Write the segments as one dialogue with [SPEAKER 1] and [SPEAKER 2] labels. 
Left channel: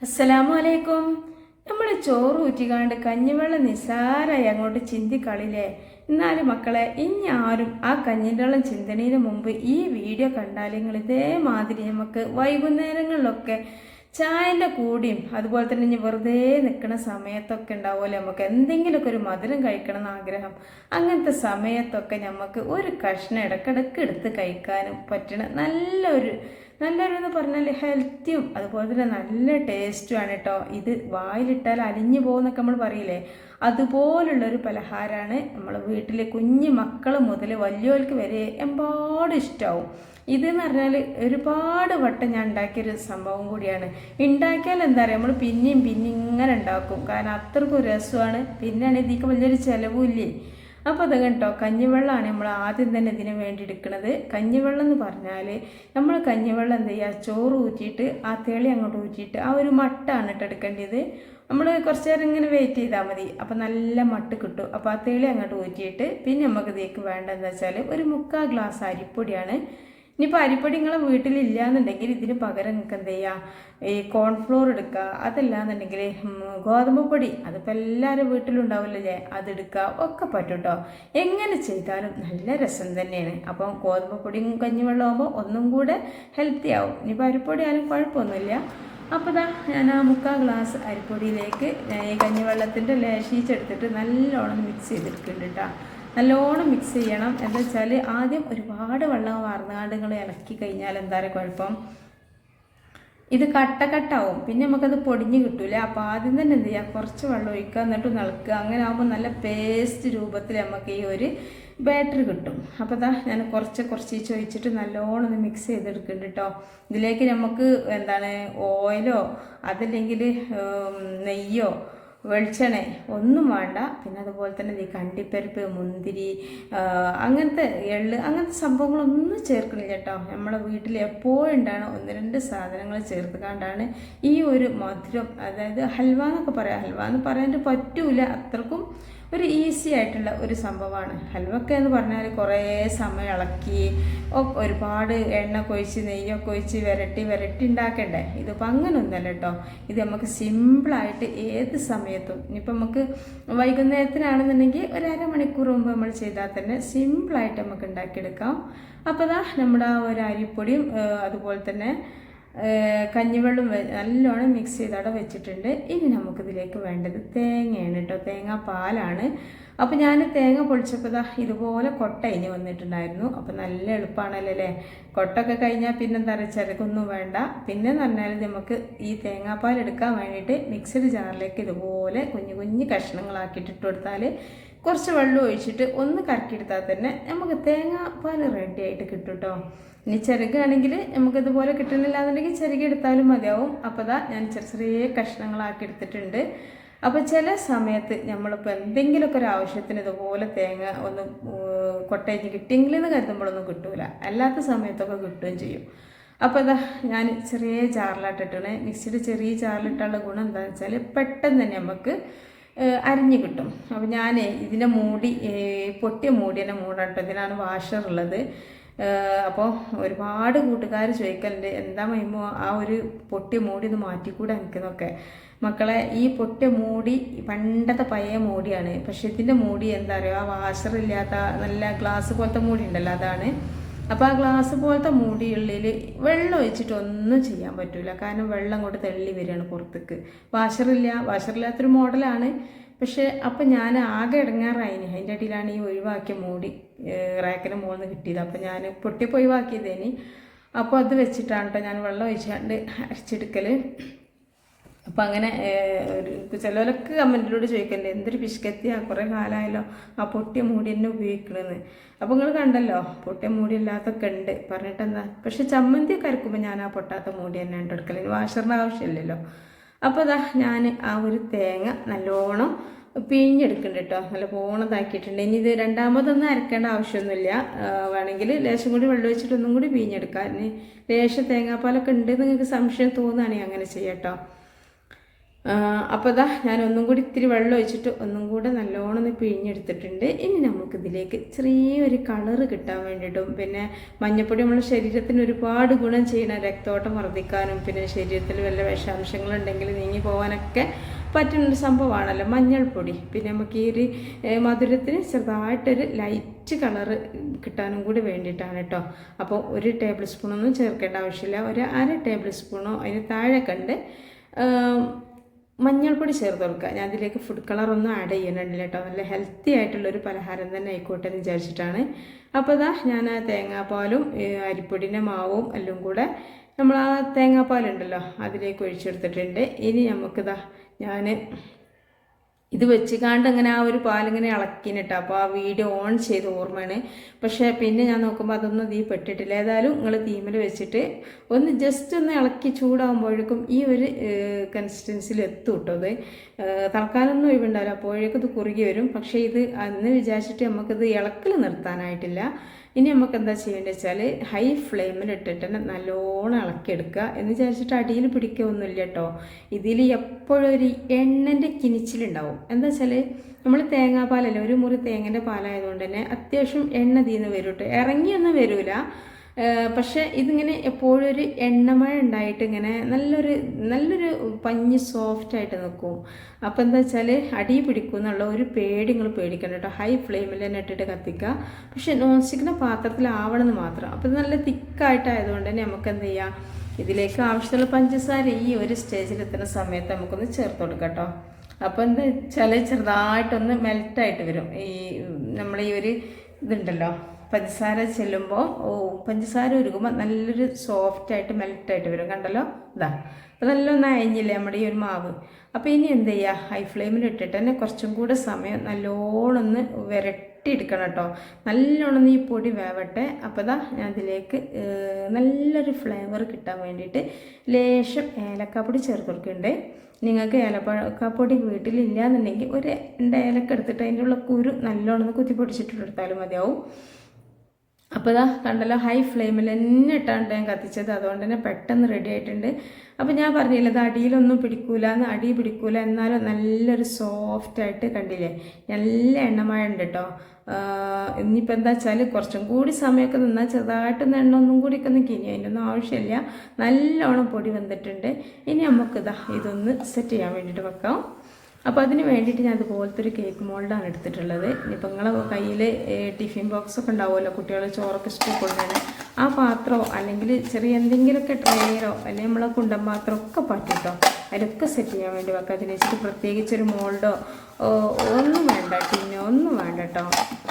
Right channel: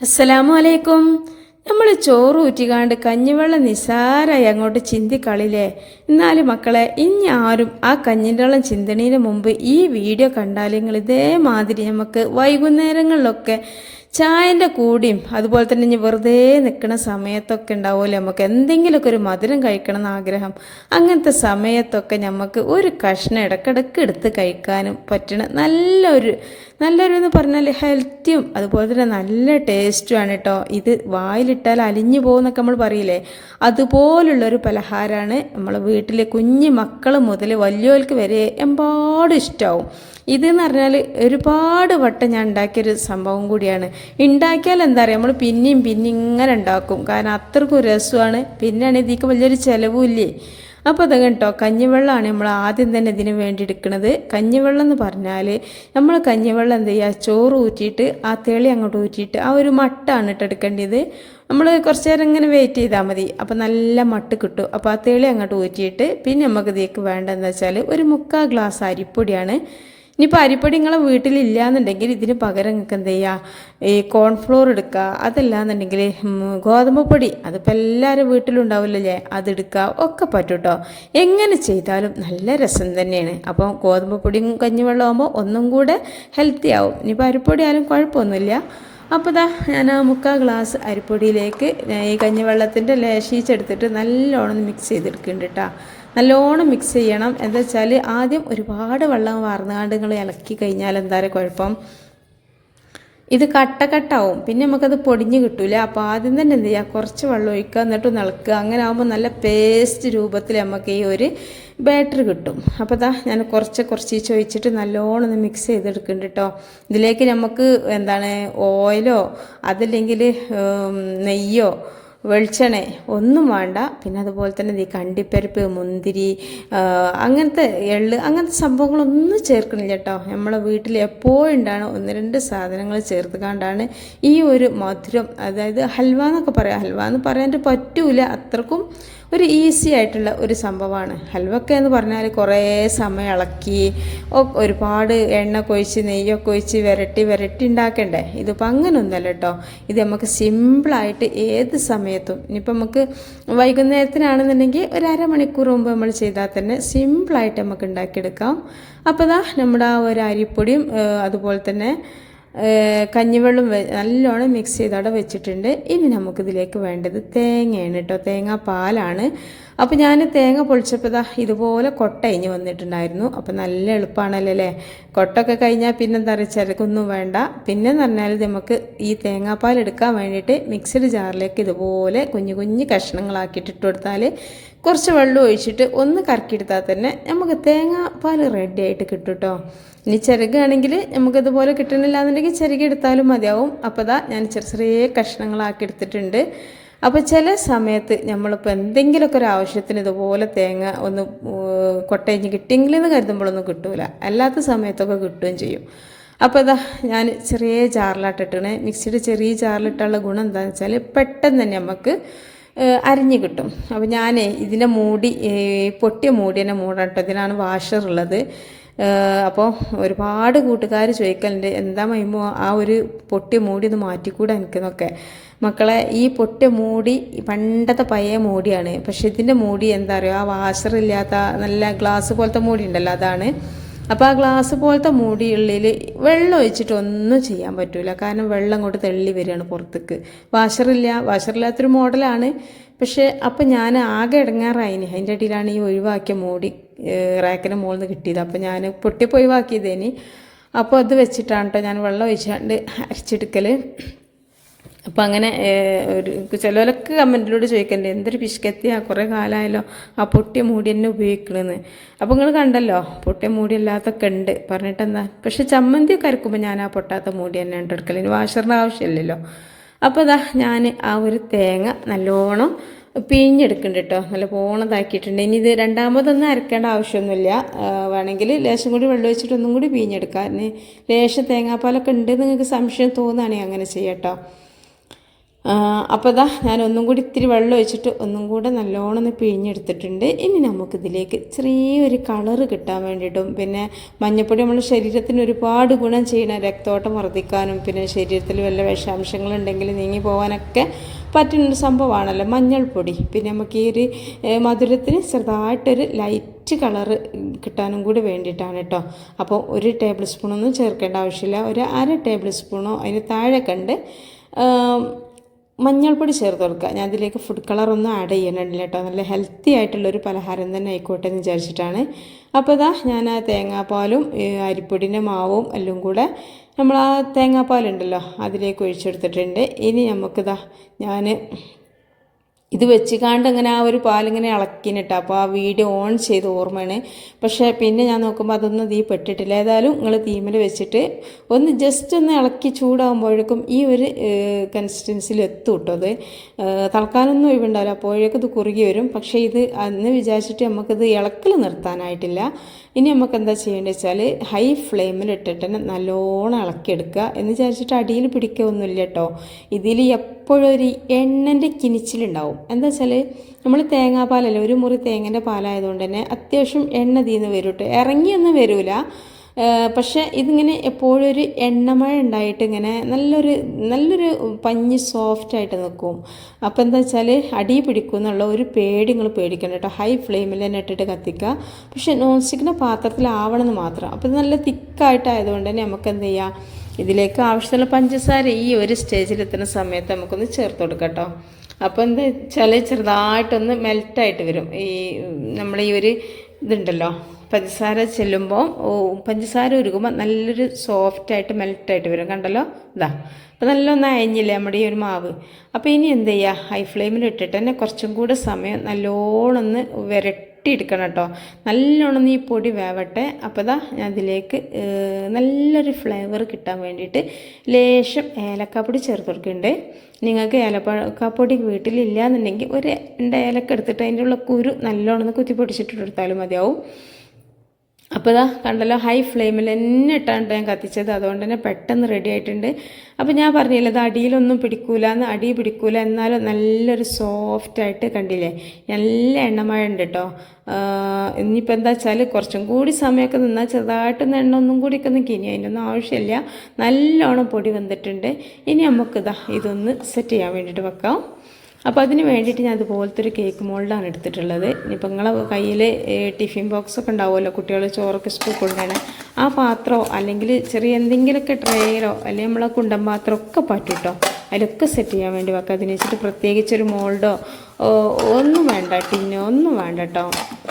[SPEAKER 1] അസ്സലാമു അലൈക്കും നമ്മൾ ചോറ് ഊറ്റിക്കാണ്ട് കഞ്ഞിവെള്ളം നിസ്സാരമായി അങ്ങോട്ട് ചിന്തിക്കളില്ലേ എന്നാലും മക്കളെ ഇനി ആരും ആ കഞ്ഞിന്റെ വെള്ളം ചിന്തണീന് മുമ്പ് ഈ വീഡിയോ കണ്ടാൽ നിങ്ങൾ ഇതേമാതിരി നമുക്ക് വൈകുന്നേരങ്ങളിലൊക്കെ ചായന്റെ കൂടിയും അതുപോലെ തന്നെ ഇനി വെറുതെ നിൽക്കുന്ന സമയത്തൊക്കെ ഉണ്ടാവുമല്ലോ? നമുക്ക് എന്തെങ്കിലുമൊക്കെ ഒരു മധുരം കഴിക്കണം എന്ന് ആഗ്രഹം. അങ്ങനത്തെ സമയത്തൊക്കെ നമുക്ക് ഒരു കഷ്ണം ഇടക്കിടക്ക് എടുത്ത് കഴിക്കാനും പറ്റണ നല്ലൊരു നല്ലൊരു എന്ന് പറഞ്ഞാൽ ഹെൽത്തിയും അതുപോലെ തന്നെ നല്ല ടേസ്റ്റുമാണ് കേട്ടോ. ഇത് വായിലിട്ടാൽ അലിഞ്ഞു പോകുന്നൊക്കെ നമ്മൾ പറയില്ലേ? അതുപോലുള്ളൊരു പലഹാരമാണ് നമ്മൾ വീട്ടിലെ കുഞ്ഞു മക്കൾ മുതൽ വലിയവർക്ക് വരെ എമ്പാടും ഇഷ്ടമാവും ഇതെന്ന് പറഞ്ഞാൽ ഒരുപാട് വട്ടം ഞാൻ ഉണ്ടാക്കിയൊരു സംഭവം കൂടിയാണ്. ഉണ്ടാക്കിയാൽ എന്താ പറയുക നമ്മൾ പിന്നെയും പിന്നെ ഇങ്ങനെ ഉണ്ടാക്കും. കാരണം അത്രക്കും രസമാണ്. പിന്നെയാണ് ഇതിക്ക് വലിയൊരു ചിലവും ഇല്ലേ? അപ്പോൾ അത് കേട്ടോ കഞ്ഞിവെള്ളമാണ് നമ്മൾ ആദ്യം തന്നെ ഇതിന് വേണ്ടി എടുക്കുന്നത് കഞ്ഞിവെള്ളം എന്ന് പറഞ്ഞാൽ നമ്മൾ കഞ്ഞിവെള്ളം എന്ത് ചെയ്യുക? ചോറ് ഊറ്റിയിട്ട് ആ തെളി അങ്ങോട്ട് ഊറ്റിയിട്ട് ആ ഒരു മട്ടാണ് കേട്ടോ എടുക്കേണ്ടത്. നമ്മൾ കുറച്ച് നേരം ഇങ്ങനെ വെയിറ്റ് ചെയ്താൽ മതി. അപ്പോൾ നല്ല മട്ട് കിട്ടും. അപ്പോൾ ആ തെളി അങ്ങോട്ട് ഊറ്റിയിട്ട് പിന്നെ നമുക്ക് ഇതിലേക്ക് വേണ്ടതെന്ന് വെച്ചാൽ ഒരു മുക്കാൽ ഗ്ലാസ് അരിപ്പൊടിയാണ്. ഇനിയിപ്പോൾ അരിപ്പൊടി നിങ്ങളെ വീട്ടിലില്ല എന്നുണ്ടെങ്കിൽ ഇതിന് പകരം നിങ്ങൾക്ക് എന്ത് ചെയ്യുക ഈ കോൺഫ്ലോർ എടുക്കുക. അതല്ല എന്നുണ്ടെങ്കിൽ ഗോതമ്പ് പൊടി. അതിപ്പോൾ എല്ലാവരും വീട്ടിലുണ്ടാവില്ലല്ലേ? അതെടുക്കുക. ഒക്കെ പറ്റും കേട്ടോ എങ്ങനെ ചെയ്താലും നല്ല രസം തന്നെയാണ്. അപ്പം ഗോതമ്പ് പൊടിയും കഞ്ഞിവെള്ളം ആകുമ്പോൾ ഒന്നും കൂടെ ഹെൽത്തി ആവും. ഇനിയിപ്പോൾ അരിപ്പൊടി ആയാലും കുഴപ്പമൊന്നുമില്ല. അപ്പോൾ ഇതാ ഞാൻ ആ മുക്കാൽ ഗ്ലാസ് അരിപ്പൊടിയിലേക്ക് ഈ കഞ്ഞിവെള്ളത്തിന്റെ ലേശീച്ചെടുത്തിട്ട് നല്ലോണം മിക്സ് ചെയ്തെടുക്കുന്നുണ്ട് കേട്ടോ നല്ലോണം മിക്സ് ചെയ്യണം. എന്താ വെച്ചാൽ ആദ്യം ഒരുപാട് വെള്ളം വാർന്നുകാണ്ട് നിങ്ങൾ ഇളക്കി കഴിഞ്ഞാൽ എന്താ കുഴപ്പം? ഇത് കട്ട കട്ടാവും പിന്നെ നമുക്കത് പൊടിഞ്ഞ് കിട്ടൂല. അപ്പോൾ ആദ്യം തന്നെ എന്ത് ചെയ്യുക കുറച്ച് വെള്ളം ഒഴിക്കുക എന്നിട്ട് നിളക്കുക അങ്ങനെ ആകുമ്പോൾ നല്ല പേസ്റ്റ് രൂപത്തിൽ നമുക്ക് ഈ ഒരു ബാറ്ററി കിട്ടും. അപ്പോൾ ദാ ഞാൻ കുറച്ച് കുറച്ച് ചോദിച്ചിട്ട് നല്ലോണം ഒന്ന് മിക്സ് ചെയ്തെടുക്കുന്നുണ്ട് കേട്ടോ ഇതിലേക്ക് നമുക്ക് എന്താണ്? ഓയിലോ അതല്ലെങ്കിൽ നെയ്യോ വെളിച്ചെണ്ണ ഒന്നും വേണ്ട. പിന്നെ അതുപോലെ തന്നെ ഈ കണ്ടിപ്പരിപ്പ് മുന്തിരി അങ്ങനത്തെ എള്ള് അങ്ങനത്തെ സംഭവങ്ങളൊന്നും ചേർക്കണില്ല കേട്ടോ. നമ്മളെ വീട്ടിൽ എപ്പോഴും ഉണ്ടാണ് ഒന്ന് രണ്ട് സാധനങ്ങൾ ചേർത്ത് കണ്ടാണ് ഈ ഒരു മധുരം അതായത് ഹൽവ എന്നൊക്കെ പറയാം. ഹൽവ എന്ന് പറയാൻ പറ്റൂല. അത്രക്കും ഒരു ഈസി ആയിട്ടുള്ള ഒരു സംഭവമാണ്. ഹൽവക്ക എന്ന് പറഞ്ഞാൽ കുറേ സമയം ഇളക്കി ഒരുപാട് എണ്ണ കൊഴിച്ച് നെയ്യൊക്കെ ഒഴിച്ച് വരട്ടി വിരട്ടി ഉണ്ടാക്കണ്ടേ? ഇതിപ്പോൾ അങ്ങനെയൊന്നുമല്ല കേട്ടോ. ഇത് നമുക്ക് സിമ്പിളായിട്ട് ഏത് സമയത്തും ഇനിയിപ്പോൾ നമുക്ക് വൈകുന്നേരത്തിനാണെന്നുണ്ടെങ്കിൽ ഒരു അരമണിക്കൂർ മുമ്പ് നമ്മൾ ചെയ്താൽ തന്നെ സിമ്പിളായിട്ട് നമുക്ക് ഉണ്ടാക്കിയെടുക്കാം. അപ്പോൾ ഇതാ നമ്മുടെ ആ ഒരു അരിപ്പൊടിയും അതുപോലെ തന്നെ കഞ്ഞിവെള്ളം നല്ലോണം മിക്സ് ചെയ്ത് അവിടെ വെച്ചിട്ടുണ്ട്. ഇനി നമുക്കിതിലേക്ക് വേണ്ടത് തേങ്ങയാണ് കേട്ടോ. തേങ്ങ പാലാണ് അപ്പോൾ ഞാൻ തേങ്ങ പൊളിച്ചപ്പോൾ ഇതാ ഇതുപോലെ കൊട്ട ഇനി വന്നിട്ടുണ്ടായിരുന്നു. അപ്പോൾ നല്ല എളുപ്പമാണല്ലോ അല്ലേ? കൊട്ടൊക്കെ കഴിഞ്ഞാൽ പിന്നെ എന്താ പറയുക ചിരക്കൊന്നും വേണ്ട. പിന്നെ എന്ന് പറഞ്ഞാൽ നമുക്ക് ഈ തേങ്ങാപ്പാൽ എടുക്കാൻ വേണ്ടിയിട്ട് മിക്സഡ് ജാറിലേക്ക് ഇതുപോലെ കുഞ്ഞു കുഞ്ഞു കഷ്ണങ്ങളാക്കിയിട്ട് ഇട്ട് കൊടുത്താൽ കുറച്ച് വെള്ളം ഒഴിച്ചിട്ട് ഒന്ന് കറക്കിയെടുത്താൽ തന്നെ നമുക്ക് തേങ്ങാപ്പാൽ റെഡി ആയിട്ട് കിട്ടും കേട്ടോ. ഇനി ചിരകാണെങ്കിൽ നമുക്കിതുപോലെ കിട്ടണില്ല എന്നുണ്ടെങ്കിൽ ചിരകി എടുത്താലും മതിയാവും. അപ്പോൾ ഇതാ ഞാൻ ചെറിയ ചെറിയ കഷ്ണങ്ങളാക്കി എടുത്തിട്ടുണ്ട്. അപ്പോൾ ചില സമയത്ത് നമ്മളിപ്പോൾ എന്തെങ്കിലുമൊക്കെ ഒരു ആവശ്യത്തിന് ഇതുപോലെ തേങ്ങ ഒന്ന് കൊട്ടയഞ്ഞ് കിട്ടിയെങ്കിലെന്ന് കരുതുമ്പോഴൊന്നും കിട്ടൂല. അല്ലാത്ത സമയത്തൊക്കെ കിട്ടുകയും ചെയ്യും. അപ്പോൾ ഇതാ ഞാൻ ചെറിയ ജാറിലാട്ടിട്ടണേ മിക്സിയുടെ ചെറിയ ജാറിലിട്ടുള്ള ഗുണം എന്താണെന്ന് വെച്ചാൽ പെട്ടെന്ന് തന്നെ നമുക്ക് അരിഞ്ഞ് കിട്ടും. അപ്പോൾ ഞാൻ ഇതിനെ മൂടി പൊട്ടിയ മൂടി തന്നെ മൂടട്ടോ. വാഷർ ഉള്ളത്. അപ്പോൾ ഒരുപാട് കൂട്ടുകാർ ചോദിക്കലുണ്ട് എന്താ മൈമോ ആ ഒരു പൊട്ടിയ മൂടി ഒന്ന് മാറ്റിക്കൂടെ എനിക്കെന്നൊക്കെ മക്കളെ ഈ പൊട്ടിയ മൂടി പണ്ടത്തെ പഴയ മൂടിയാണ്. പക്ഷെ ഇതിന്റെ മൂടി എന്താ പറയുക ആ വാഷറില്ലാത്ത നല്ല ഗ്ലാസ് പോലത്തെ മൂടി ഉണ്ടല്ലോ അതാണ്. അപ്പോൾ ആ ഗ്ലാസ് പോലത്തെ മൂടിയുള്ളിൽ വെള്ളം ഒഴിച്ചിട്ട് ഒന്നും ചെയ്യാൻ പറ്റില്ല കാരണം വെള്ളം കൊണ്ട് തെള്ളി വരികയാണ് പുറത്തേക്ക്. വാഷറില്ല വാഷറില്ലാത്തൊരു മോഡലാണ് പക്ഷേ അപ്പം ഞാൻ ആകെ ഇടങ്ങാറായിന്. അതിന്റെ ഇടയിലാണ് ഈ ഒഴിവാക്കിയ മോടി റാക്കിന് മുകളിൽ നിന്ന് കിട്ടിയത്. അപ്പം ഞാൻ പൊട്ടിപ്പോൾ ഒഴിവാക്കിയതേനി. അപ്പോൾ അത് വെച്ചിട്ടാണ് കേട്ടോ ഞാൻ വെള്ളം ഒഴിച്ചാണ്ട് അരച്ചെടുക്കൽ അപ്പോൾ അങ്ങനെ ഒരു ചിലവരൊക്കെ കമന്റിലൂടെ ചോദിക്കണ്ടേ എന്തൊരു പിശുക്കത്തിയാ കുറേ കാലമായല്ലോ ആ പൊട്ടിയ മൂടി തന്നെ ഉപയോഗിക്കണമെന്ന് അപ്പോൾ നിങ്ങൾ കണ്ടല്ലോ പൊട്ടിയ മൂടി അല്ലാത്തൊക്കെ ഉണ്ട്. പറഞ്ഞിട്ട് എന്താ പക്ഷേ കരക്കുമ്പോൾ അരക്കുമ്പോൾ ഞാൻ ആ പൊട്ടാത്ത മൂടി തന്നെ ഉണ്ട് എടുക്കൽ ഇനി വാഷറിന്റെ ആവശ്യമില്ലല്ലോ. അപ്പോൾ അതാ ഞാൻ ആ ഒരു തേങ്ങ നല്ലോണം പിഴിഞ്ഞെടുക്കുന്നുണ്ട് കേട്ടോ നല്ല പോണതാക്കിയിട്ടുണ്ട്. ഇനി ഇത് രണ്ടാമതൊന്നും അരക്കേണ്ട ആവശ്യമൊന്നുമില്ല. വേണമെങ്കിൽ ലേശം കൂടി വെള്ളം വെച്ചിട്ട് ഒന്നും കൂടി പിഴിഞ്ഞെടുക്കാം. ഇനി ലേശം തേങ്ങാപ്പാലൊക്കെ ഉണ്ട് നിങ്ങൾക്ക് സംശയം തോന്നുകയാണെങ്കിൽ അങ്ങനെ ചെയ്യാം കേട്ടോ അപ്പോൾ ഇതാ ഞാൻ ഒന്നും കൂടി ഇത്തിരി വെള്ളം ഒഴിച്ചിട്ട് ഒന്നും കൂടെ നല്ലോണം ഒന്ന് പിഴിഞ്ഞെടുത്തിട്ടുണ്ട്. ഇനി നമുക്കിതിലേക്ക് ചെറിയൊരു കളറ് കിട്ടാൻ വേണ്ടിയിട്ടും പിന്നെ മഞ്ഞപ്പൊടി നമ്മുടെ ശരീരത്തിന് ഒരുപാട് ഗുണം ചെയ്യണം രക്തോട്ടം വർദ്ധിക്കാനും പിന്നെ ശരീരത്തിൽ വല്ല വിഷാംശങ്ങളുണ്ടെങ്കിൽ നീങ്ങി പോകാനൊക്കെ പറ്റുന്നൊരു സംഭവമാണല്ലോ. മഞ്ഞൾപ്പൊടി. പിന്നെ നമുക്ക് ഈ ഒരു മധുരത്തിന് ചെറുതായിട്ടൊരു ലൈറ്റ് കളറ് കിട്ടാനും കൂടി വേണ്ടിയിട്ടാണ് കേട്ടോ. അപ്പോൾ ഒരു ടേബിൾ സ്പൂണൊന്നും ചേർക്കേണ്ട ആവശ്യമില്ല. ഒരു അര ടേബിൾ സ്പൂണോ അതിന് താഴെ കണ്ട് മഞ്ഞൾപ്പൊടി ചേർത്ത് കൊടുക്കുക. ഞാൻ അതിലേക്ക് ഫുഡ് കളറൊന്നും ആഡ് ചെയ്യണില്ല കേട്ടോ നല്ല ഹെൽത്തി ആയിട്ടുള്ളൊരു പലഹാരം തന്നെ ആയിക്കോട്ടെ എന്ന് വിചാരിച്ചിട്ടാണ്. അപ്പോൾ ഇതാ ഞാൻ ആ തേങ്ങാപ്പാലും അരിപ്പൊടിന്റെ മാവും എല്ലാം കൂടെ നമ്മൾ ആ തേങ്ങാപ്പാലുണ്ടല്ലോ അതിലേക്ക് ഒഴിച്ചെടുത്തിട്ടുണ്ട്. ഇനി നമുക്കിതാ ഞാൻ ഇത് വെച്ചുകാണ്ട് ഇങ്ങനെ ആ ഒരു പാലിങ്ങനെ ഇളക്കിനിട്ട്. അപ്പോൾ ആ വീഡിയോ ഓൺ ചെയ്ത് ഓർമ്മയാണ്. പക്ഷേ പിന്നെ ഞാൻ നോക്കുമ്പോൾ അതൊന്നും തീ പെട്ടിട്ടില്ല. ഏതായാലും നിങ്ങൾ തീമിൽ വെച്ചിട്ട് ഒന്ന് ജസ്റ്റ് ഒന്ന് ഇളക്കി ചൂടാകുമ്പോഴേക്കും ഈ ഒരു കൺസിസ്റ്റൻസിൽ എത്തും കേട്ടോ അത് തളക്കാനൊന്നും ഒഴിവുണ്ടാവില്ല. അപ്പോഴേക്കും ഇത് കുറുകി വരും. പക്ഷേ ഇത് അന്ന് വിചാരിച്ചിട്ട് നമുക്കിത് ഇളക്കൽ നിർത്താനായിട്ടില്ല. ഇനി നമുക്ക് എന്താ ചെയ്യേണ്ടത് വെച്ചാൽ ഹൈ ഫ്ലെയിമിൽ ഇട്ടിട്ട് നല്ലോണം ഇളക്കിയെടുക്കുക. എന്ന് വിചാരിച്ചിട്ട് അടിയിൽ പിടിക്കുകയൊന്നുമില്ല കേട്ടോ ഇതിൽ എപ്പോഴും ഒരു എണ്ണന്റെ കിനിച്ചിലുണ്ടാവും. എന്താ വെച്ചാൽ നമ്മൾ തേങ്ങാപ്പാലല്ലേ ഒരു മുറി തേങ്ങന്റെ പാലായതുകൊണ്ട് തന്നെ അത്യാവശ്യം എണ്ണ തീന്ന് വരും കേട്ടോ ഇറങ്ങിയൊന്നും വരില്ല പക്ഷേ ഇതിങ്ങനെ എപ്പോഴും ഒരു എണ്ണമഴ ഉണ്ടായിട്ട് ഇങ്ങനെ നല്ലൊരു നല്ലൊരു പഞ്ഞ് സോഫ്റ്റായിട്ട് നിൽക്കും അപ്പോൾ എന്താ വെച്ചാൽ അടി പിടിക്കും എന്നുള്ള ഒരു പേടി നിങ്ങൾ പേടിക്കണം കേട്ടോ. ഹൈ ഫ്ലെയിമിൽ തന്നെ ഇട്ടിട്ട് കത്തിക്കുക പക്ഷേ നോൺ സ്റ്റിക്കിന്റെ പാത്രത്തിലാവണമെന്ന് മാത്രം. അപ്പോൾ ഇത് നല്ല തിക്കായിട്ടായതുകൊണ്ട് തന്നെ നമുക്ക് എന്ത് ചെയ്യാം? ഇതിലേക്ക് ആവശ്യമുള്ള പഞ്ചസാര ഈ ഒരു സ്റ്റേജിൽ എത്തുന്ന സമയത്ത് നമുക്കൊന്ന് ചേർത്ത് കൊടുക്കാം കേട്ടോ. അപ്പോൾ എന്താ വെച്ചാൽ ചെറുതായിട്ടൊന്ന് മെൽറ്റായിട്ട് വരും. ഈ നമ്മൾ ഈ ഒരു ഇതുണ്ടല്ലോ. പഞ്ചസാര ചെല്ലുമ്പോൾ പഞ്ചസാര ഉരുകുമ്പോൾ നല്ലൊരു സോഫ്റ്റായിട്ട് മെൽറ്റായിട്ട് വരും. കണ്ടല്ലോ? ഇതാ അപ്പോൾ നല്ലൊന്ന് അയഞ്ഞില്ലേ നമ്മുടെ ഈ ഒരു മാവ്? അപ്പോൾ ഇനി എന്ത് ചെയ്യുക ഹൈ ഫ്ലെയിമിൽ ഇട്ടിട്ട് തന്നെ കുറച്ചും കൂടെ സമയം നല്ലോണം ഒന്ന് വിരട്ടിയെടുക്കണം കേട്ടോ. നല്ലോണം ഈ പൊടി വേവട്ടെ. അപ്പോൾ ഇതാ ഞാൻ അതിലേക്ക് നല്ലൊരു ഫ്ലേവർ കിട്ടാൻ വേണ്ടിയിട്ട് ലേശം ഏലക്കാപ്പൊടി ചേർത്ത് നിങ്ങൾക്ക് ഏലക്കാപ്പൊടി വീട്ടിലില്ല എന്നുണ്ടെങ്കിൽ ഒരു രണ്ട് ഏലക്ക എടുത്തിട്ട് അതിന്റെ ഉള്ള കുരു നല്ലോണം കുത്തി പൊടിച്ചിട്ട് എടുത്താലും മതിയാവും. അപ്പോൾ ഇതാ കണ്ടല്ലോ ഹൈ ഫ്ലെയിമിൽ തന്നെ ഇട്ടാണ് ഞാൻ കത്തിച്ചത്. അതുകൊണ്ട് തന്നെ പെട്ടെന്ന് റെഡി ആയിട്ടുണ്ട്. അപ്പോൾ ഞാൻ പറഞ്ഞില്ല ഇത് അടിയിലൊന്നും പിടിക്കൂല എന്ന് അടി പിടിക്കൂല. എന്നാലും നല്ലൊരു സോഫ്റ്റായിട്ട് കണ്ടില്ലേ നല്ല എണ്ണമഴ ഉണ്ട് കേട്ടോ ഇനിയിപ്പോൾ എന്താ വെച്ചാൽ കുറച്ചും കൂടി സമയമൊക്കെ നിന്നാൽ ചെറുതായിട്ടൊന്ന് എണ്ണ ഒന്നും കൂടി ഒക്കെ ഒന്ന് കിനി അതിനൊന്നും ആവശ്യമില്ല. നല്ലോണം പൊടി വന്നിട്ടുണ്ട്. ഇനി നമുക്കിതാ ഇതൊന്ന് സെറ്റ് ചെയ്യാൻ വേണ്ടിയിട്ട് വെക്കാം. അപ്പോൾ അതിന് വേണ്ടിയിട്ട് ഞാൻ ഇതുപോലത്തെ ഒരു കേക്ക് മോൾഡാണ് എടുത്തിട്ടുള്ളത്. ഇപ്പം നിങ്ങളെ കയ്യിൽ ടിഫിൻ ബോക്സ് ഒക്കെ ഉണ്ടാവുമല്ലോ കുട്ടികൾ ചോറൊക്കെ സ്കൂൾ കൊണ്ടുവരാൻ ആ പാത്രമോ അല്ലെങ്കിൽ ചെറിയ എന്തെങ്കിലുമൊക്കെ ട്രേയിലോ അല്ലെങ്കിൽ നമ്മളെ കുണ്ടം പാത്രം ഒക്കെ പറ്റും കേട്ടോ അതിലൊക്കെ സെറ്റ് ചെയ്യാൻ വേണ്ടി വെക്കാം. അതിന് വെച്ചിട്ട് പ്രത്യേകിച്ച് ഒരു മോൾഡോ ഒന്നും വേണ്ട ടിന്നോ ഒന്നും വേണ്ട കേട്ടോ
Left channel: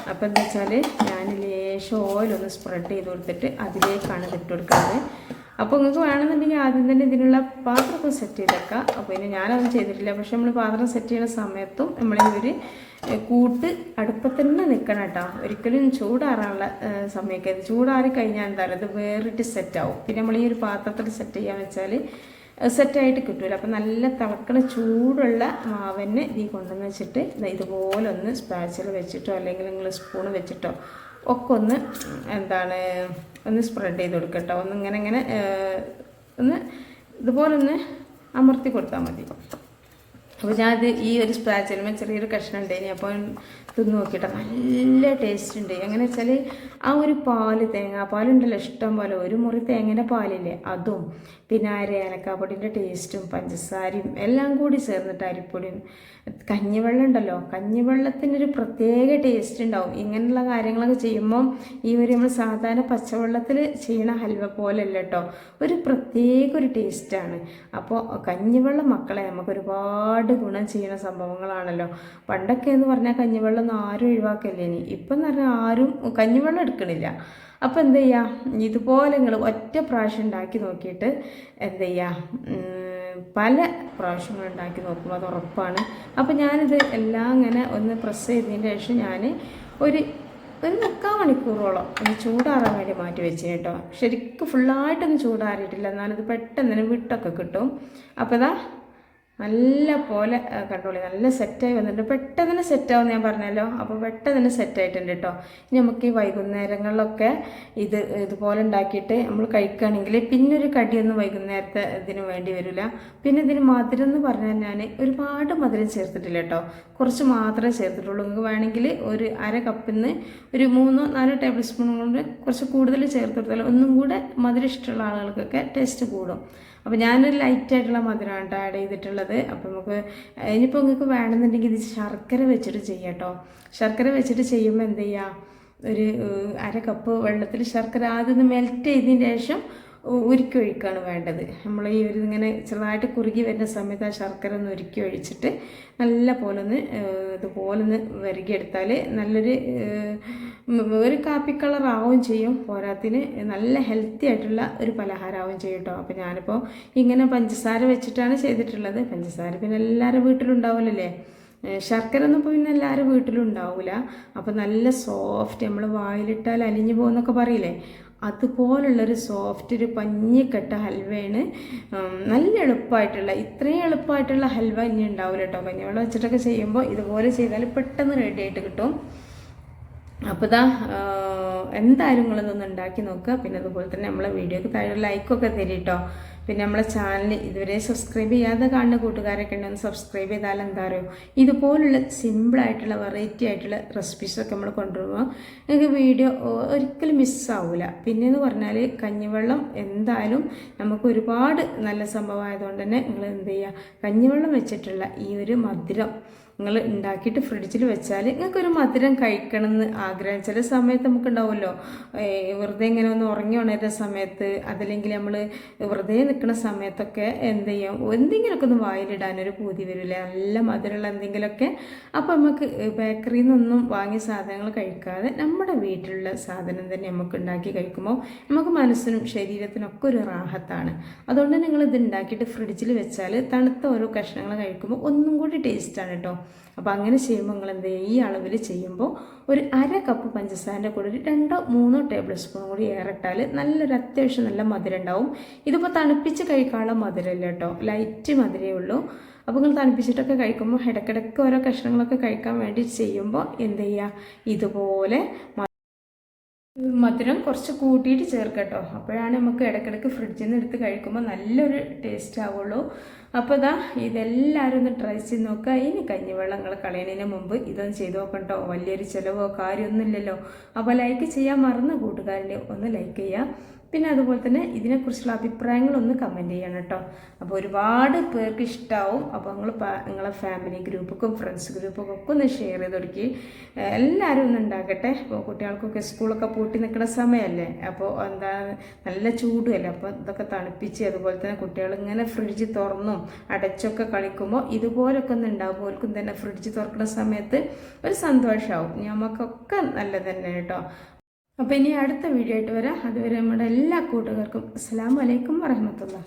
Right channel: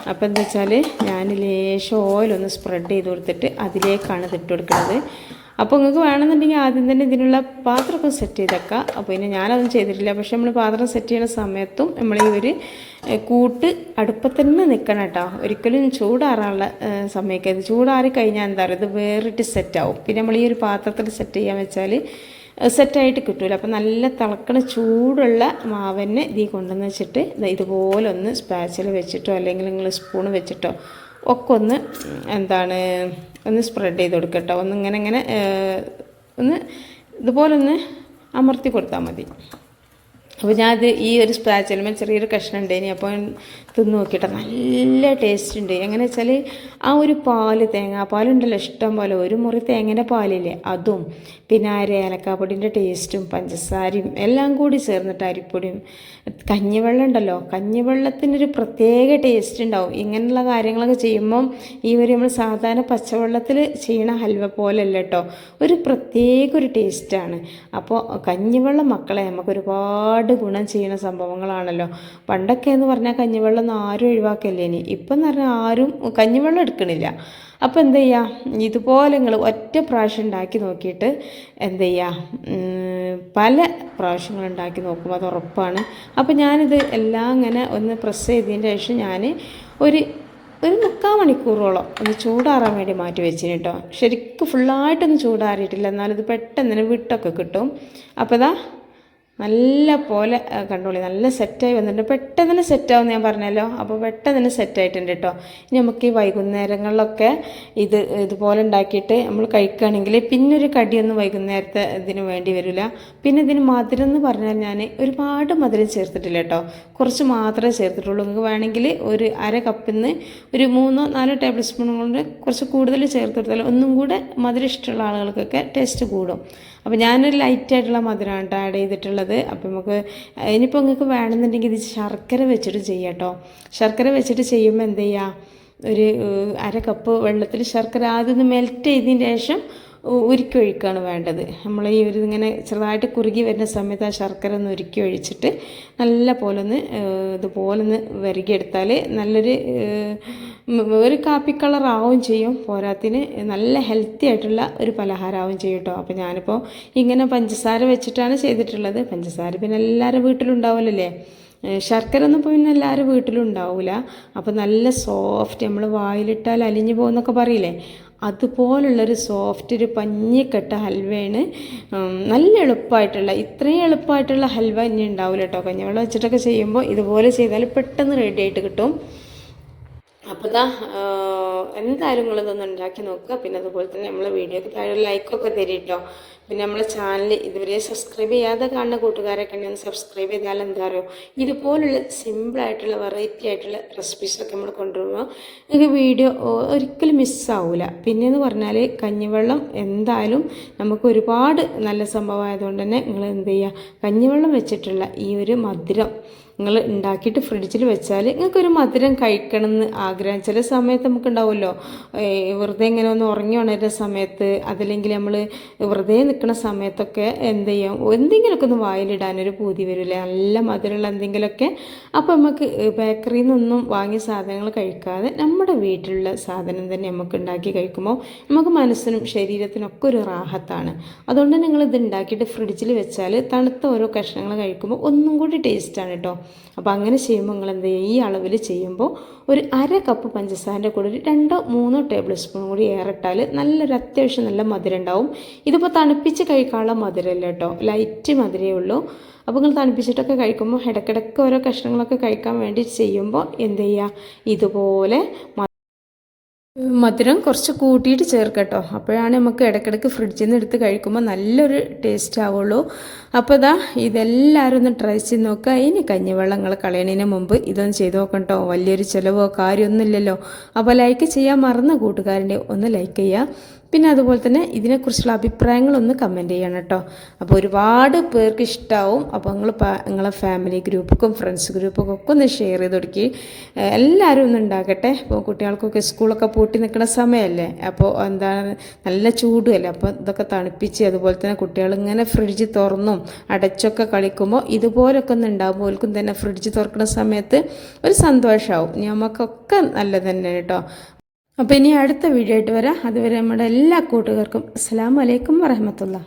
[SPEAKER 1] അപ്പോൾ എന്താ വെച്ചാൽ ഞാൻ ലേശം ഓയിലൊന്ന് സ്പ്രെഡ് ചെയ്ത് കൊടുത്തിട്ട് അതിലേക്കാണ് ഇതിട്ട് കൊടുക്കുന്നത്. അപ്പോൾ നിങ്ങൾക്ക് വേണമെന്നുണ്ടെങ്കിൽ ആദ്യം തന്നെ ഇതിനുള്ള പാത്രമൊക്കെ സെറ്റ് ചെയ്തേക്കാം. അപ്പോൾ പിന്നെ ഞാനതൊന്നും ചെയ്തിട്ടില്ല. പക്ഷെ നമ്മൾ പാത്രം സെറ്റ് ചെയ്യുന്ന സമയത്തും നമ്മൾ ഒരു കൂട്ട് അടുപ്പത്തന്നെ നിൽക്കണം കേട്ടോ ഒരിക്കലും ചൂടാറാനുള്ള സമയക്കരുത്. ചൂടാറി കഴിഞ്ഞാൽ എന്താ പറയുക ഇത് വേറിട്ട് സെറ്റാവും പിന്നെ നമ്മൾ ഈ ഒരു പാത്രത്തിൽ സെറ്റ് ചെയ്യാൻ വെച്ചാൽ സെറ്റായിട്ട് കിട്ടൂല. അപ്പോൾ നല്ല തിളക്കണ ചൂടുള്ള മാവന്നെ ഇതിൽ കൊണ്ടുവന്ന് വെച്ചിട്ട് ഇതുപോലെ ഒന്ന് സ്പാച്ചിൽ വെച്ചിട്ടോ അല്ലെങ്കിൽ നിങ്ങൾ സ്പൂൺ വെച്ചിട്ടോ ഒക്കെ ഒന്ന് എന്താണ് ഒന്ന് സ്പ്രെഡ് ചെയ്ത് കൊടുക്കട്ടോ. ഒന്ന് ഇങ്ങനെ ഇങ്ങനെ ഒന്ന് ഇതുപോലെ ഒന്ന് അമർത്തി കൊടുത്താൽ മതി. അപ്പോൾ ഞാനത് ഈ ഒരു സ്പാച്ചിലുമ്പോൾ ചെറിയൊരു കഷ്ണം ഉണ്ടായിനി അപ്പോൾ തിന്ന് നോക്കിയിട്ട് നല്ല ടേസ്റ്റ് ഉണ്ട്. എങ്ങനെ വെച്ചാൽ ആ ഒരു പാൽ തേങ്ങാപ്പാലുണ്ടല്ലോ ഇഷ്ടം പോലെ. ഒരു മുറി തേങ്ങേന്റെ പാലില്ലേ അതും. പിന്നെ ആ ഒരു ഏലക്കാപ്പൊടിന്റെ ടേസ്റ്റും പഞ്ചസാരയും എല്ലാം കൂടി ചേർന്നിട്ട് അരിപ്പൊടിയും. കഞ്ഞിവെള്ളം ഉണ്ടല്ലോ കഞ്ഞിവെള്ളത്തിനൊരു പ്രത്യേക ടേസ്റ്റ് ഉണ്ടാവും. ഇങ്ങനെയുള്ള കാര്യങ്ങളൊക്കെ ചെയ്യുമ്പം ഈ ഒരു നമ്മൾ സാധാരണ പച്ചവെള്ളത്തിൽ ചെയ്യണ ഹൽവ പോലെയല്ല കേട്ടോ. ഒരു പ്രത്യേക ഒരു ടേസ്റ്റാണ് അപ്പോൾ കഞ്ഞിവെള്ളം മക്കളെ നമുക്ക് ഒരുപാട് ഗുണം ചെയ്യുന്ന സംഭവങ്ങളാണല്ലോ. പണ്ടൊക്കെ എന്ന് പറഞ്ഞാൽ കഞ്ഞിവെള്ളം ഒന്നും ആരും ഒഴിവാക്കല്ലേ ഇനി? ഇപ്പം എന്ന് പറഞ്ഞാൽ ആരും കഞ്ഞിവെള്ളം എടുക്കണില്ല. അപ്പോൾ എന്ത് ചെയ്യുക ഇതുപോലെ നിങ്ങൾ ഒറ്റ പ്രാവശ്യം ഉണ്ടാക്കി നോക്കിയിട്ട് എന്ത് ചെയ്യുക പല പ്രാവശ്യങ്ങൾ ഉണ്ടാക്കി നോക്കും അത് ഉറപ്പാണ്. അപ്പോൾ ഞാനിത് എല്ലാം ഇങ്ങനെ ഒന്ന് പ്രസ് ചെയ്തതിന് ശേഷം ഞാൻ ഒരു ഒരു മുക്കാൽ മണിക്കൂറോളം ഒന്ന് ചൂടാറാൻ വേണ്ടി മാറ്റി വെച്ചിന് കേട്ടോ ശരിക്കും ഫുള്ളായിട്ടൊന്നും ചൂടാറിയിട്ടില്ല. എന്നാലിത് പെട്ടെന്ന് വിട്ടൊക്കെ കിട്ടും. അപ്പോൾ ഇതാ നല്ല പോലെ കണ്ടോളി നല്ല സെറ്റായി വന്നിട്ടുണ്ട്. പെട്ടെന്ന് തന്നെ സെറ്റാവും ഞാൻ പറഞ്ഞല്ലോ. അപ്പോൾ പെട്ടെന്ന് തന്നെ സെറ്റായിട്ടുണ്ട് കേട്ടോ ഇനി നമുക്ക് ഈ വൈകുന്നേരങ്ങളിലൊക്കെ ഇത് ഇതുപോലെ ഉണ്ടാക്കിയിട്ട് നമ്മൾ കഴിക്കുകയാണെങ്കിൽ പിന്നെ ഒരു കടിയൊന്നും വൈകുന്നേരത്തെ ഇതിന് വേണ്ടി വരില്ല. പിന്നെ ഇതിന് മധുരം എന്ന് പറഞ്ഞാൽ ഞാൻ ഒരുപാട് മധുരം ചേർത്തിട്ടില്ല കേട്ടോ കുറച്ച് മാത്രമേ ചേർത്തിട്ടുള്ളൂ. നിങ്ങൾക്ക് വേണമെങ്കിൽ ഒരു അര കപ്പിൽ നിന്ന് ഒരു മൂന്നോ നാലോ ടേബിൾ സ്പൂൺ കൊണ്ട് കുറച്ച് കൂടുതൽ ചേർത്തെടുത്താൽ ഒന്നും കൂടെ മധുരം ഇഷ്ടമുള്ള ആളുകൾക്കൊക്കെ ടേസ്റ്റ് കൂടും. അപ്പോൾ ഞാനൊരു ലൈറ്റായിട്ടുള്ള മധുരമാണ് കേട്ടോ ആഡ് ചെയ്തിട്ടുള്ളത്. അപ്പോൾ നമുക്ക് ഇനിയിപ്പോൾ നിങ്ങൾക്ക് വേണമെന്നുണ്ടെങ്കിൽ ഇത് ശർക്കര വെച്ചിട്ട് ചെയ്യാം കേട്ടോ ശർക്കര വെച്ചിട്ട് ചെയ്യുമ്പോൾ എന്ത് ചെയ്യുക ഒരു അര കപ്പ് വെള്ളത്തിൽ ശർക്കര ആദ്യം ഒന്ന് മെൽറ്റ് ചെയ്തതിന് ശേഷം ഉരുക്കി ഒഴിക്കുകയാണ് വേണ്ടത്. നമ്മൾ ഈ ഒരു ഇങ്ങനെ ചെറുതായിട്ട് കുറുകി വരുന്ന സമയത്ത് ആ ശർക്കര ഒന്ന് ഉരുക്കി ഒഴിച്ചിട്ട് നല്ല പോലെ ഒന്ന് ഇതുപോലെ ഒന്ന് വരകിയെടുത്താൽ നല്ലൊരു ഒരു കാപ്പി കളർ ആവുകയും ചെയ്യും. പോരാത്തിന് നല്ല ഹെൽത്തി ആയിട്ടുള്ള ഒരു പലഹാരമാവും ചെയ്യും കേട്ടോ. അപ്പോൾ ഞാനിപ്പോൾ ഇങ്ങനെ പഞ്ചസാര വെച്ചിട്ടാണ് ചെയ്തിട്ടുള്ളത്. പഞ്ചസാര പിന്നെ എല്ലാവരും വീട്ടിലുണ്ടാവില്ലല്ലേ ശർക്കര ഒന്നും ഇപ്പോൾ പിന്നെ എല്ലാവരും വീട്ടിലും ഉണ്ടാവില്ല അപ്പോൾ നല്ല സോഫ്റ്റ് നമ്മൾ വായിലിട്ടാൽ അലിഞ്ഞു പോകുന്നൊക്കെ പറയില്ലേ? അതുപോലുള്ളൊരു സോഫ്റ്റ് ഒരു പഞ്ഞിക്കെട്ട ഹൽവയാണ് നല്ല എളുപ്പമായിട്ടുള്ള ഇത്രയും എളുപ്പമായിട്ടുള്ള ഹൽവ ഇനി ഉണ്ടാവില്ല കേട്ടോ കഞ്ഞിവെള്ളം വെച്ചിട്ടൊക്കെ ചെയ്യുമ്പോൾ ഇതുപോലെ ചെയ്താൽ പെട്ടെന്ന് റെഡി ആയിട്ട് കിട്ടും. അപ്പോൾ ഇതാ എന്തായാലും നിങ്ങളിതൊന്ന് ഉണ്ടാക്കി നോക്കുക. പിന്നെ അതുപോലെ തന്നെ നമ്മളെ വീഡിയോക്ക് താഴെ ലൈക്കൊക്കെ തരും കേട്ടോ പിന്നെ നമ്മളെ ചാനൽ ഇതുവരെ സബ്സ്ക്രൈബ് ചെയ്യാതെ കാണുന്ന കൂട്ടുകാരൊക്കെ ഉണ്ടെങ്കിൽ സബ്സ്ക്രൈബ് ചെയ്താൽ എന്താ പറയുക ഇതുപോലുള്ള സിമ്പിളായിട്ടുള്ള വെറൈറ്റി ആയിട്ടുള്ള റെസിപ്പീസൊക്കെ നമ്മൾ കൊണ്ടുവരുമ്പോൾ നിങ്ങൾക്ക് വീഡിയോ ഒരിക്കലും മിസ്സാവില്ല പിന്നെയെന്ന് പറഞ്ഞാൽ കഞ്ഞിവെള്ളം എന്തായാലും നമുക്ക് ഒരുപാട് നല്ല സംഭവമായതുകൊണ്ട് തന്നെ നിങ്ങൾ എന്ത് ചെയ്യുക കഞ്ഞിവെള്ളം വെച്ചിട്ടുള്ള ഈ ഒരു മധുരം നിങ്ങൾ ഉണ്ടാക്കിയിട്ട് ഫ്രിഡ്ജിൽ വെച്ചാൽ നിങ്ങൾക്കൊരു മധുരം കഴിക്കണം എന്ന് ആഗ്രഹം. ചില സമയത്ത് നമുക്കുണ്ടാവുമല്ലോ വെറുതെ ഇങ്ങനെ ഒന്ന് ഉറങ്ങി ഉണരുന്ന സമയത്ത് അതല്ലെങ്കിൽ നമ്മൾ വെറുതെ നിൽക്കുന്ന സമയത്തൊക്കെ എന്ത് ചെയ്യാം? എന്തെങ്കിലുമൊക്കെ ഒന്ന് വായിലിടാനൊരു പൂതി വരില്ലേ? നല്ല മധുരമുള്ള എന്തെങ്കിലുമൊക്കെ അപ്പോൾ നമുക്ക് ബേക്കറിയിൽ നിന്നൊന്നും വാങ്ങിയ സാധനങ്ങൾ കഴിക്കാതെ നമ്മുടെ വീട്ടിലുള്ള സാധനം തന്നെ നമുക്ക് ഉണ്ടാക്കി കഴിക്കുമ്പോൾ നമുക്ക് മനസ്സിനും ശരീരത്തിനൊക്കെ ഒരു റാഹത്താണ്. അതുകൊണ്ട് നിങ്ങൾ ഇത് ഉണ്ടാക്കിയിട്ട് ഫ്രിഡ്ജിൽ വെച്ചാൽ തണുത്ത ഓരോ കഷ്ണങ്ങൾ കഴിക്കുമ്പോൾ ഒന്നും കൂടി ടേസ്റ്റാണ് കേട്ടോ. അപ്പോൾ അങ്ങനെ ചെയ്യുമ്പോൾ നിങ്ങൾ എന്ത് ചെയ്യുക ഈ അളവിൽ ചെയ്യുമ്പോൾ ഒരു അര കപ്പ് പഞ്ചസാരന്റെ കൂടെ ഒരു രണ്ടോ മൂന്നോ ടേബിൾ സ്പൂൺ കൂടി ഏറിട്ടാൽ നല്ലൊരു അത്യാവശ്യം നല്ല മധുരം ഉണ്ടാവും. ഇതിപ്പോൾ തണുപ്പിച്ച് കഴിക്കാനുള്ള മധുരമല്ല കേട്ടോ. ലൈറ്റ് മധുരമേ ഉള്ളൂ. അപ്പോൾ നിങ്ങൾ തണുപ്പിച്ചിട്ടൊക്കെ കഴിക്കുമ്പോൾ ഇടയ്ക്കിടയ്ക്ക് ഓരോ കഷ്ണങ്ങളൊക്കെ കഴിക്കാൻ വേണ്ടി ചെയ്യുമ്പോൾ എന്ത് ചെയ്യുക ഇതുപോലെ മധുരം കുറച്ച് കൂട്ടിയിട്ട് ചേർക്കട്ടോ. അപ്പോഴാണ് നമുക്ക് ഇടയ്ക്കിടയ്ക്ക് ഫ്രിഡ്ജിൽ നിന്ന് എടുത്ത് കഴിക്കുമ്പോൾ നല്ലൊരു ടേസ്റ്റ് ആവുള്ളൂ. അപ്പോൾ ഇതാ ഇതെല്ലാവരും ഒന്ന് ട്രൈ ചെയ്ത് നോക്കുക ഇനി കഞ്ഞിവെള്ളങ്ങൾ കളയണതിന് മുമ്പ് ഇതൊന്ന് ചെയ്ത് നോക്കട്ടോ വലിയൊരു ചിലവോ കാര്യമൊന്നുമില്ലല്ലോ. അപ്പോൾ ലൈക്ക് ചെയ്യാൻ മറന്ന കൂട്ടുകാരന്റെ ഒന്ന് ലൈക്ക് ചെയ്യുക പിന്നെ അതുപോലെ തന്നെ ഇതിനെക്കുറിച്ചുള്ള അഭിപ്രായങ്ങളൊന്ന് കമന്റ് ചെയ്യണം കേട്ടോ അപ്പോൾ ഒരുപാട് പേർക്ക് ഇഷ്ടമാവും അപ്പോൾ നിങ്ങൾ നിങ്ങളെ ഫാമിലി ഗ്രൂപ്പുക്കും ഫ്രണ്ട്സ് ഗ്രൂപ്പൊക്കെ ഒക്കെ ഒന്ന് ഷെയർ ചെയ്ത് കൊടുക്കി. എല്ലാവരും ഒന്ന് ഉണ്ടാക്കട്ടെ ഇപ്പോൾ കുട്ടികൾക്കൊക്കെ സ്കൂളൊക്കെ പൂട്ടി നിൽക്കുന്ന സമയമല്ലേ അപ്പോൾ എന്താണ് നല്ല ചൂടുമല്ലേ? അപ്പോൾ ഇതൊക്കെ തണുപ്പിച്ച് അതുപോലെ തന്നെ കുട്ടികൾ ഇങ്ങനെ ഫ്രിഡ്ജ് തുറന്നും അടച്ചൊക്കെ കളിക്കുമ്പോൾ ഇതുപോലൊക്കെ ഒന്ന് ഉണ്ടാകുമ്പോൾ അവർക്കും തന്നെ ഫ്രിഡ്ജ് തുറക്കുന്ന സമയത്ത് ഒരു സന്തോഷമാവും നമുക്കൊക്കെ നല്ലത് തന്നെ കേട്ടോ അപ്പോൾ ഇനി അടുത്ത വീഡിയോ ആയിട്ട് വരാം. അതുവരെ നമ്മുടെ എല്ലാ കൂട്ടുകാർക്കും അസ്സാം വലൈക്കും വരഹമത്തുള്ള